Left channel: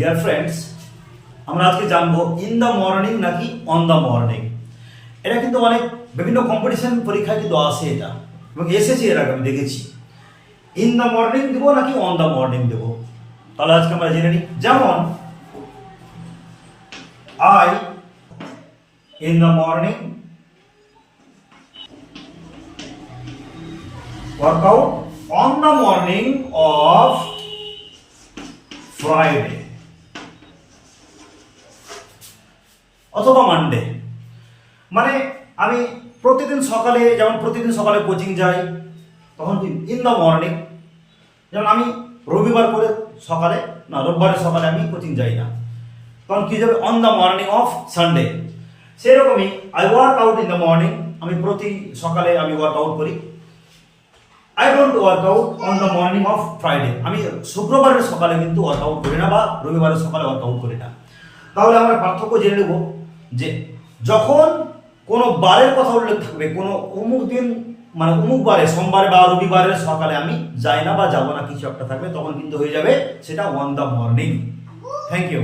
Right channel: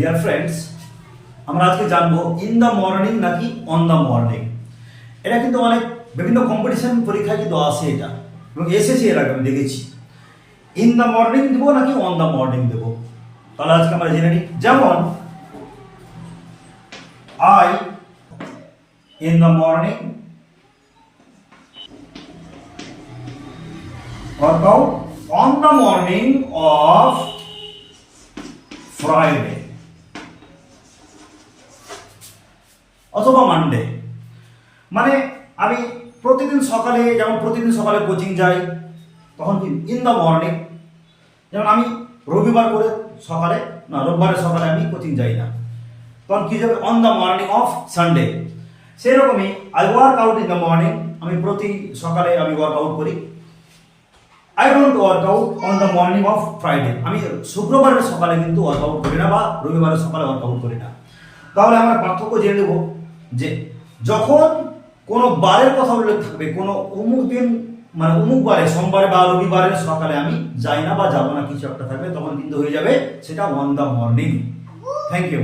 Dear friends, আমরা আজকে জানবো ইন দ্য মর্নিং নাকি অন দ্য মর্নিং। এটা কিন্তু অনেক বিভিন্ন কম্পিটিশন পরীক্ষায় কিন্তু আসে এটা, এবং এসেছে এর আগে আমি দেখেছি। ইন দ্য মর্নিং দেবো নাকি অন দ্য মর্নিং দেবো, তাহলে আজকে আমরা জেনে নিই। যেমন I in the morning work out on the morning of Friday অথবা মানডে। মানে আমি প্রতিদিন সকালে কোচিং যাই, তখন কি ইন দ্য মর্নিং। যেমন আমি রোববারের সকালে আমি কোচিং যাই না, তখন কি যাবে on the morning of Sunday. সেরকমই I work out in the morning, আমি প্রতি সকালে আমি ওয়ার্ক আউট করি। I don't work out on the morning of Friday, আমি শুক্রবারের সকালে কিন্তু ওয়ার্ক আউট করি না বা রবিবারের সকালে ওয়ার্ক আউট করি না। তাহলে আমরা পার্থক্য জেনে নেব যে যখন কোনো বারের কথা উল্লেখ থাকবে, কোনো অমুক দিন মানে অমুক বারে, সোমবারে বা রবিবারের সকালে আমি যাই না বা যাবো না, কিছু একটা থাকবে, তখন কিন্তু হয়ে যাবে সেটা on the morning. Thank you.